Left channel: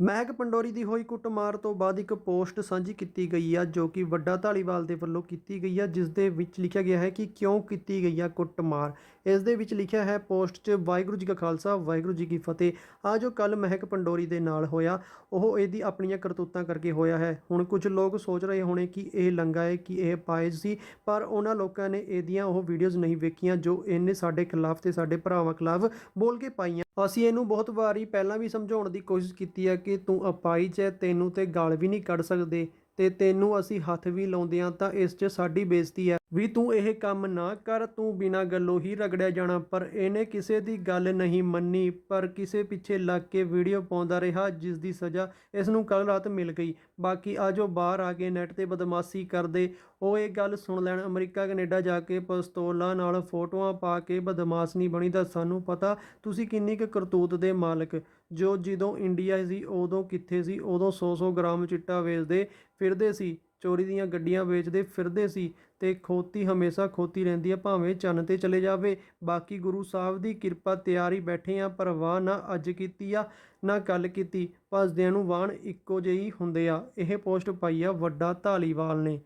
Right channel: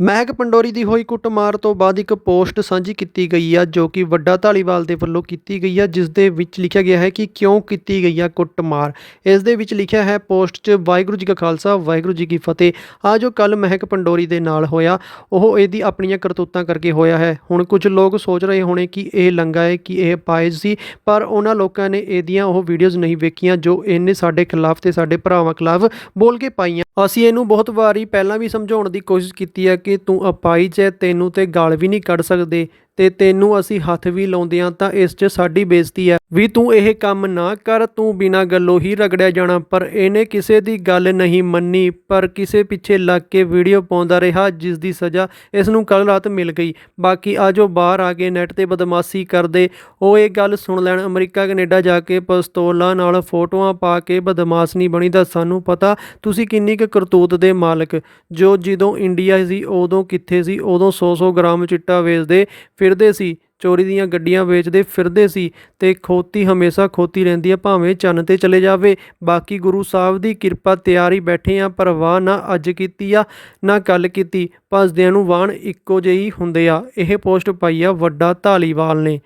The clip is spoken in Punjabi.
ਮਹਿਕ ਪੰਡੋਰੀ ਦੀ ਹੋਈ ਕੁੱਟਮਾਰ ਤੋਂ ਬਾਅਦ ਇੱਕ ਪੋਸਟ ਸਾਂਝੀ ਕੀਤੀ ਗਈ ਆ, ਜੋ ਕਿ ਵੱਡਾ ਧਾਲੀਵਾਲ ਦੇ ਵੱਲੋਂ ਕੀਤੀ ਗਈ ਆ, ਜਿਸ ਦੇ ਵਿੱਚ ਲਿਖਿਆ ਗਿਆ ਹੈ ਕਿ ਕਿਉਂ ਕੀਤੀ ਗਈ ਆ ਕੁੱਟਮਾਰ। ਇਸ ਦੇ ਵਿੱਚ ਲਿਖਿਆ ਹੈ, ਪੋਸਟ 'ਚ ਵਾਹਿਗੁਰੂ ਜੀ ਕਾ ਖਾਲਸਾ, ਵਾਹਿਗੁਰੂ ਜੀ ਕੀ ਫਤਿਹ। ਆ ਜੋ ਕੱਲ ਮਹਿਕ ਪੰਡੋਰੀ ਦੇ ਨਾਲ ਹੋਇਆ, ਉਹ ਇਹਦੀ ਆਪਣੀਆਂ ਕਰਤੂਤਾਂ ਕਰਕੇ ਹੋਇਆ ਹੈ। ਹੁਣ ਕੁਝ ਲੋਕ ਸੋਚ ਰਹੇ ਹੋਣੇ ਕਿ ਇਹ ਲੰਗਾ ਹੈ, ਕਿ ਇਹ ਪਾਇਜ਼ ਸੀ, ਪਰ ਉਹਨਾਂ ਲੋਕਾਂ ਨੇ ਇਹਦੀਆਂ ਉਹ ਵੀਡੀਓਜ਼ ਨਹੀਂ ਵੇਖੀਆਂ, ਜੋ ਇਹਨੇ ਸਾਡੇ ਖਿਲਾਫ ਤੇ ਸਾਡੇ ਭਰਾਵਾਂ ਖਿਲਾਫ ਬੋਲ ਕੇ ਪਾਈਆਂ। ਅਸੀਂ ਇਹਨੂੰ ਬਹੁਤ ਵਾਰੀ ਪਹਿਲਾਂ ਵੀ ਸਮਝਾਉਣ ਦੀ ਕੋਸ਼ਿਸ਼ ਕੀਤੀ ਹੈ ਕਿ ਤੂੰ ਅਪਾਈਜ ਹੈ, ਤੈਨੂੰ ਤੇ ਗਾਲ ਵੀ ਨਹੀਂ ਕੱਢ ਸਕਦੇ ਤੇ ਤੈਨੂੰ ਅਸੀਂ ਹੱਥ ਵੀ ਲਾਉਂਦੇ ਹਾਂ ਤਾਂ ਇਸ 'ਚ ਸਾਡੀ ਬੇਇੱਜ਼ਤੀ ਹੈ। ਵੀ ਤੂੰ ਇਹ ਕੰਮ ਨਾ ਕਰ, ਤੂੰ ਬਿਨਾਂ ਗੱਲੋਂ ਹੀ ਰਗੜਿਆ ਜਾਣਾ। ਪਰ ਇਹਨੇ ਕਿਸੇ ਦੀ ਗੱਲ ਨਹੀਂ ਮੰਨੀ, ਪਰ ਕਿਸੇ ਪਿੱਛੇ ਲੱਗ ਕੇ ਵੀਡੀਓ ਪਾਉਂਦਾ ਰਿਹਾ, ਜਿਸ ਦੀ ਸਜ਼ਾ ਇਸ ਨੂੰ ਕੱਲ ਰਾਤ ਮਿਲ ਗਈ। ਬਾਕੀ ਆ ਜੋ ਬਾਹਰ ਆ ਕੇ ਨੈਟ ਤੇ ਬਦਮਾਸ਼ੀ ਕਰਦੇ। ਉਹ ਇਹ ਗੱਲ ਸੁਣ ਲੈਣ, ਅਮਰੀਕਾ, ਕੈਨੇਡਾ ਜਾ ਕੇ ਪਿਸਤੌਲਾਂ ਨਾਲ ਫੋਟੋਆਂ ਪਾ ਕੇ ਬਦਮਾਸ਼ ਨਹੀਂ ਬਣੀ ਤਾਂ ਸਾਨੂੰ ਪਤਾ ਤੁਸੀਂ ਕਿੰਨੀ ਕੁ ਕਰਤੂਤ ਦੇ ਮਾਲਕ। ਜੋ ਜਦੋਂ ਇੰਡੀਆ ਸੀ, ਉਦੋਂ ਕਿੱਥੇ ਸੀ? ਉਦੋਂ 100-100 ਗ੍ਰਾਮ ਚਿੱਟਾ ਵੇਚਦੇ ਫਿਰਦੇ ਸੀ। ਚੋਰੀ ਦੀਆਂ ਗੱਡੀਆਂ ਵੇਚਦੇ ਫਿਰਦੇ ਸੀ ਤੇ ਖੋਤੀ ਹਮੇਸ਼ਾ ਖੋਤੀ ਰਹਿੰਦੀ ਆ, ਭਾਵੇਂ ਚੰਨ ਤੇ ਚਲੇ ਜਾਵੇ। ਬਾਕੀ ਗੁਰੂ ਸਾਹਿਬ ਦੀ ਕਿਰਪਾ ਤਿਆਰੀ ਬੈਠੇ ਆ ਪਰਵਾਹ ਨਾ ਅੱਜ ਕੀਤੀ ਆ, ਨਾ ਕੱਲ ਕੀਤੀ। ਭੱਜਦਿਆਂ ਨੂੰ ਵਾਹਣ ਇੱਕੋ ਜਿਹੀ ਹੁੰਦੇ ਆ। ਇਹ ਪੋਸਟ ਪਾਈ ਆ ਵੱਡਾ ਧਾਲੀਵਾਲ ਨੇ।